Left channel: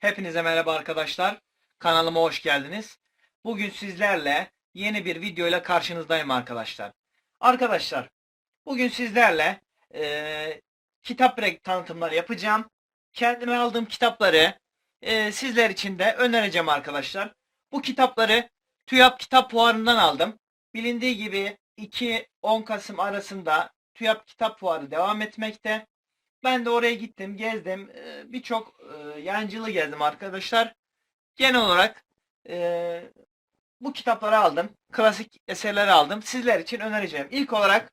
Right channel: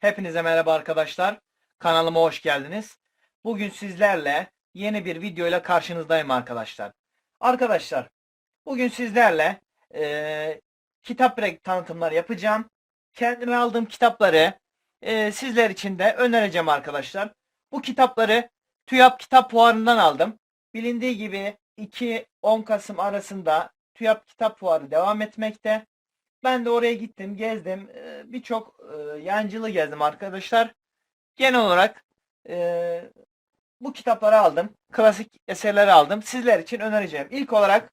Hepinize merhaba arkadaşlar. Kanalıma hoş geldiniz. Bugün sizlerle yeni bir video ile karşınızdayım arkadaşlar. Arkadaşlar, bugün sizlerle eee, kitap tanıtımları yapacağım. Kendime aldığım kitapları eee, sizler için de önereceğim arkadaşlar. Bu kitapları TÜYAP Kitap Fuarı'ndan aldım. Bilindiği gibi 2-10 Kasım arasında TÜYAP Kitap Fuarı devam etmekte. Ben de oraya gittim, gezdim. Eee, Birçok eee, yancılı gezdim arkadaşlar. Genel olarak eee, bu kitapları aldım. Klasik eserleri aldım. Sizler için önereceğim. İlk olarak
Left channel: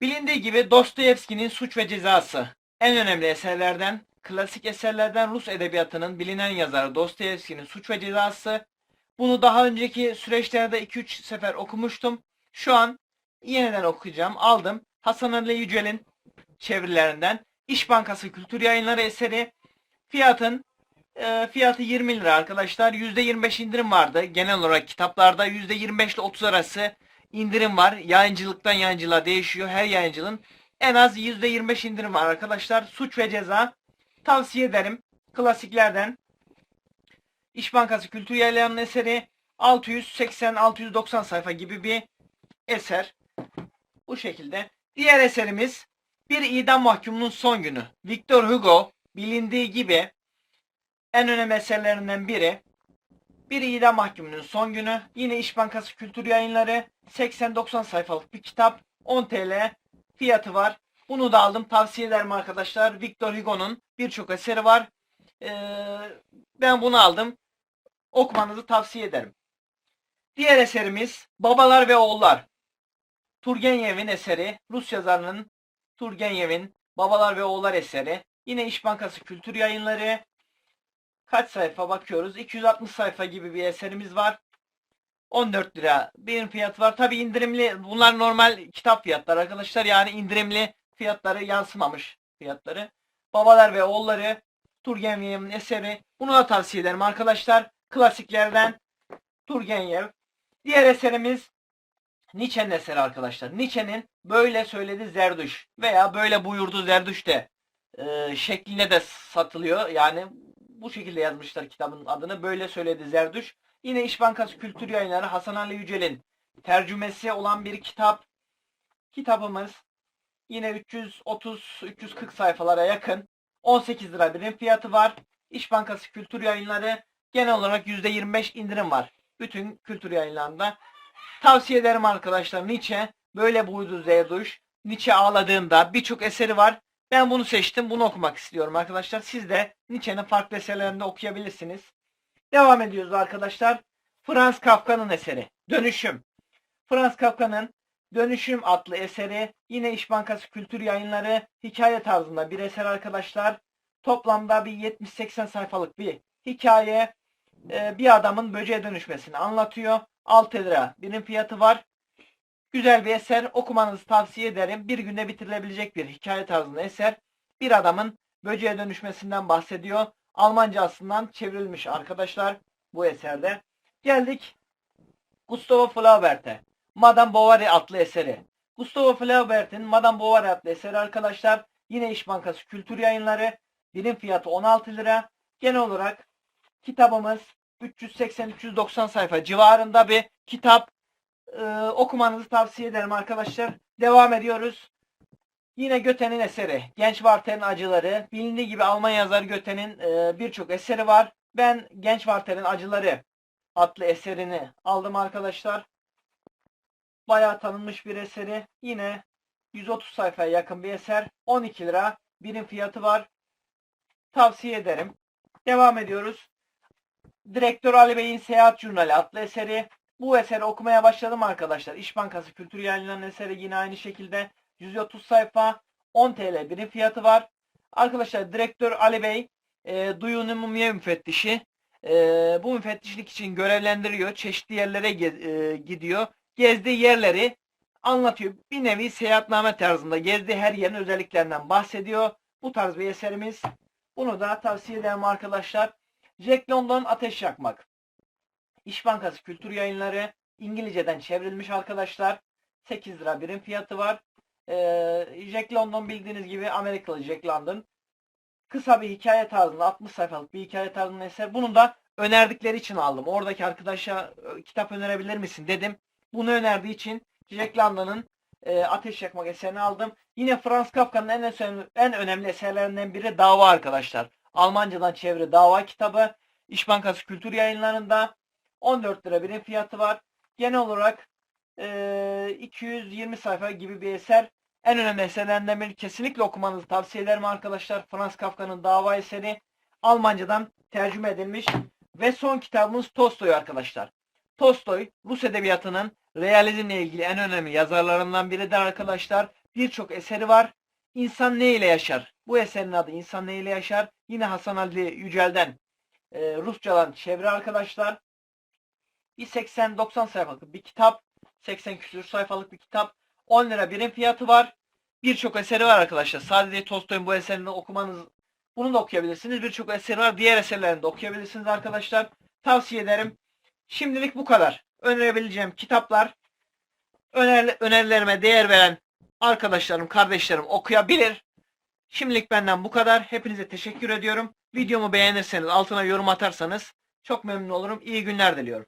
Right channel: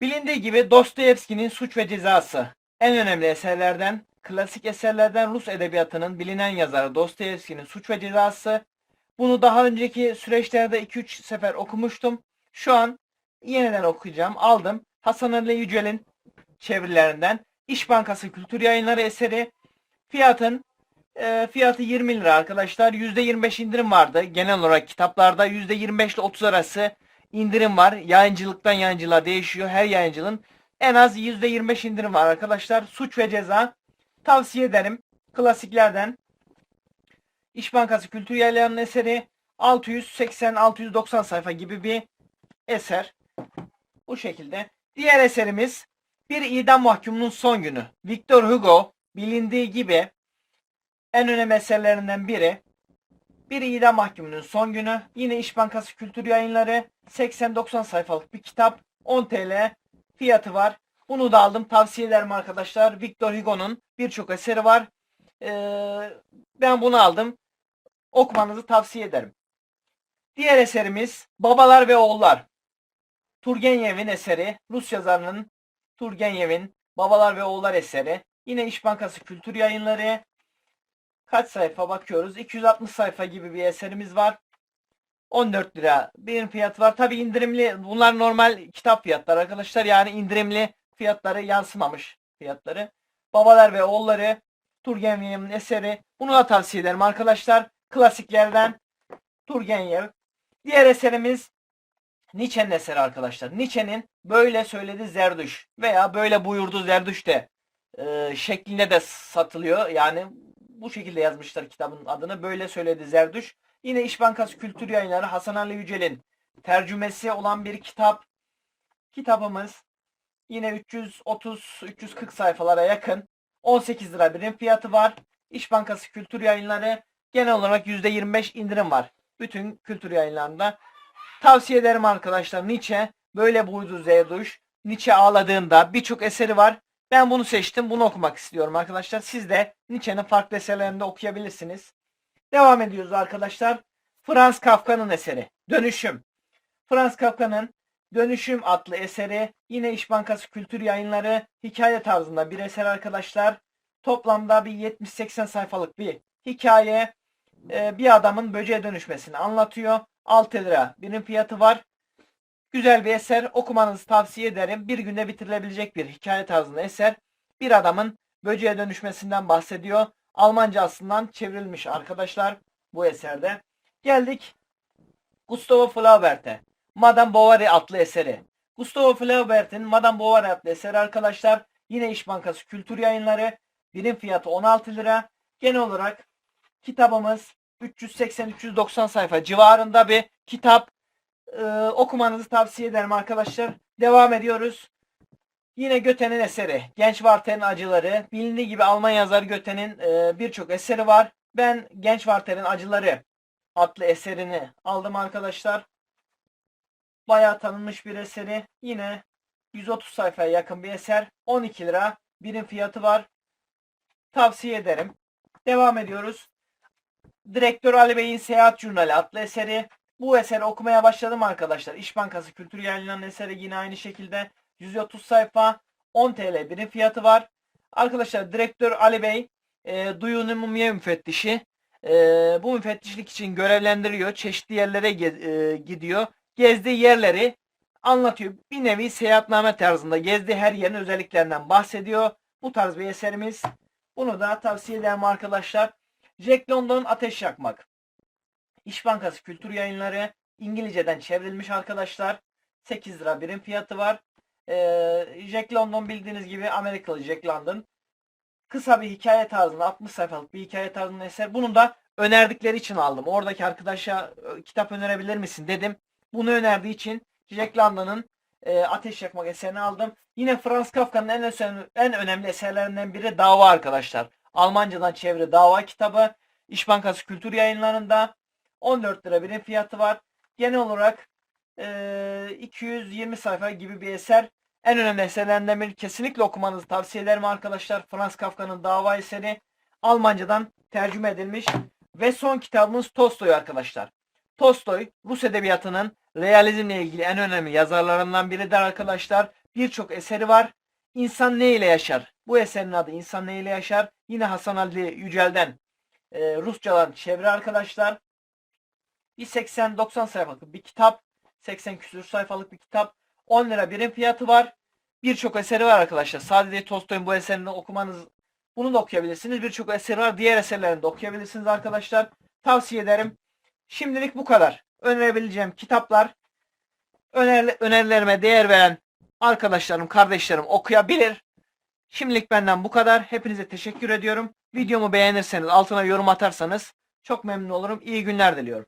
bilindiği gibi Dostoyevski'nin Suç ve Cezası en önemli eserlerden, klasik eserlerden Rus edebiyatının bilinen yazarı Dostoyevski'nin Suç ve Cezası. Bunu daha önceki süreçlerde 2-3 sefer okumuştum. Şu an yeniden okuyacağım. Aldım. Hasan Ali Yücel'in çevirilerinden İş Bankası Kültür Yayınları eseri. Fiyatın e, fiyatı 20 lira arkadaşlar. %25 indirim vardı. Genel olarak kitaplarda %25 ile 30 arası indirim var. Yayıncılıktan yayıncılığa değişiyor. Her yayıncılığın en az %25 indirim var arkadaşlar. Suç ve Ceza tavsiye ederim. Klasiklerden İş Bankası Kültür Yayınları'nın eseri 680-690 sayfa gibi bir eser. Bu şekilde. Diğer eserimiz bir idam mahkumunun son günü. Victor Hugo bilindiği gibi en önemli eserlerinden biri. Bir idam mahkumunun son günü. Yine İş Bankası Kültür Yayınları 80-90 sayfalık bir kitap. 10 TL fiyatı var. Bunu da aldım. Tavsiye ederim arkadaşlar. Victor Hugo'nun birçok eseri var. Ee, ben bunu aldım. Okumanızı tavsiye ederim. Diğer eserimiz Babalar ve Oğullar. Turgenev'in eseri. Rus yazarının Turgenev'in Babalar ve Oğullar eseri. Yine İş Bankası Kültür Yayınları. Kaç sayfa bakıyoruz? 260 sayfa gibi bir eserimiz var. 14 lira bir fiyat var. Tabi indirimli. Bunlar normal kitap fiyatları arkadaşlar. Yani indirimli fiyatları yansımamış fiyatları. Babalar ve Oğulları Turgenev'in eseri. Bunu da tavsiye ederim arkadaşlar. Klasiklerden Turgenev. Diğer eserimiz Nietzsche'nin eseri arkadaşlar. Nietzsche'nin böyle söyledi Zerdüş veya böyle buyurdu Zerdüş de e, şeklinde de satılıyor. Yani bu şekilde yazmışlar kitabın adını. Böyle söyledi Zerdüş. Yine İş Bankası Kültür Yayınları Hasan Ali Yücel'in tercümesi olan bir kitap. Kitabımız yine 330-340 sayfalara yakın. 18 lira birim fiyatı var. İş Bankası Kültür Yayınları genel olarak %25 indirim var. Bütün kültür yayınlarında. Tavsiye ederim arkadaşlar. Nietzsche böyle buydu Zerduş. Nietzsche ağladığında birçok eseri var. Ben bunu seçtim. Bunu okumak istiyorum arkadaşlar. Siz de Nietzsche'nin farklı eserlerini de okuyabilirsiniz. Devam ediyoruz arkadaşlar. Franz Kafka'nın eseri. Dönüşüm. Franz Kafka'nın Dönüşüm adlı eseri yine İş Bankası Kültür Yayınları hikaye tarzında bir eser arkadaşlar. Toplamda bir 70-80 sayfalık bir hikaye. Ee, bir adamın böceğe dönüşmesini anlatıyor. 6 lira birim fiyatı var. Güzel bir eser. Okumanızı tavsiye ederim. Bir günde bitirilebilecek bir hikaye tarzında eser. Bir adamın böceğe dönüşmesinden bahsediyor. Almancasından çevrilmiş arkadaşlar bu eserde. Geldik Gustavo Flaubert'e. Madame Bovary adlı eseri. Gustavo Flaubert'in Madame Bovary adlı eseri arkadaşlar. Yine İş Bankası Kültür Yayınları. Birim fiyatı 16 lira. Genel olarak kitabımız 380-390 sayfa civarında bir kitap. Ee, okumanızı tavsiye ederim arkadaşlar. Devam ediyoruz. Yine Göte'nin eseri. Genç Warter'in Acıları. Bilindiği gibi Alman yazarı Göte'nin e, birçok eseri var. Ben Genç Warter'in Acıları adlı eserini aldım arkadaşlar. Bayağı tanınmış bir eseri. Yine 130 sayfaya yakın bir eser. 12 lira birim fiyatı var. Tavsiye ederim. Devam ediyoruz. Direktör Ali Bey'in Seyahat Jurnali adlı eseri. Bu eseri okumaya başladım arkadaşlar. İş Bankası Kültür Yayınları'nın eseri yine aynı şekilde 130 sayfa 10 TL birim fiyatı var. Arkadaşlar direktör Ali Bey e, Duyun Umumiye müfettişi. E, bu müfettişlik için görevlendiriyor. Çeşitli yerlere ge- e, gidiyor. Gezdiği yerleri anlatıyor. Bir nevi seyahatname tarzında gezdiği her yerin özelliklerinden bahsediyor. Bu tarz bir eserimiz. Bunu da tavsiye ederim arkadaşlar. Jack London Ateş Yakmak. İş Bankası Kültür Yayınları İngilizceden çevrilmiş arkadaşlar. 8 lira birim fiyatı var. Ee, Jack London bildiğiniz gibi Amerikalı Jack London. kısa bir hikaye tarzında 60 sayfalık bir hikaye tarzında eser. Bunu da önerdikleri için aldım. Oradaki arkadaşa kitap önerebilir misin dedim. Bunu önerdiği için Jack London'ın e, Ateş Yakmak eserini aldım. Yine Franz Kafka'nın en, en önemli eserlerinden biri Dava arkadaşlar. Almancadan çeviri Dava kitabı. İş Bankası Kültür Yayınları'nda 14 lira birim fiyatı var. Genel olarak e, 220 sayfa gibi bir eser. En önemli eserlerinden biri. Kesinlikle okumanızı tavsiye ederim arkadaşlar. Franz Kafka'nın Dava eseri Almancadan tercüme edilmiş. Ve son kitabımız Tolstoy arkadaşlar. Tolstoy Rus edebiyatının realizmle ilgili en önemli yazarlarından biridir arkadaşlar. Birçok eseri var. İnsan ne ile yaşar? Bu eserin adı İnsan ne ile yaşar? Yine Hasan Ali Yücel'den e, Rusçadan çeviri arkadaşlar. Bir 80-90 sayfalık bir kitap. 80 küsur sayfalık bir kitap. 10 lira birim fiyatı var. Birçok eseri var arkadaşlar. Sadece Tolstoy'un bu eserini okumanız bunu da okuyabilirsiniz. Birçok eseri var. Diğer eserlerini de okuyabilirsiniz arkadaşlar. Tavsiye ederim. Şimdilik bu kadar. Önerebileceğim kitaplar öner, önerilerime değer veren arkadaşlarım, kardeşlerim okuyabilir. Şimdilik benden bu kadar. Hepinize teşekkür ediyorum. Videomu beğenirseniz, altına yorum atarsanız çok memnun olurum. İyi günler diliyorum.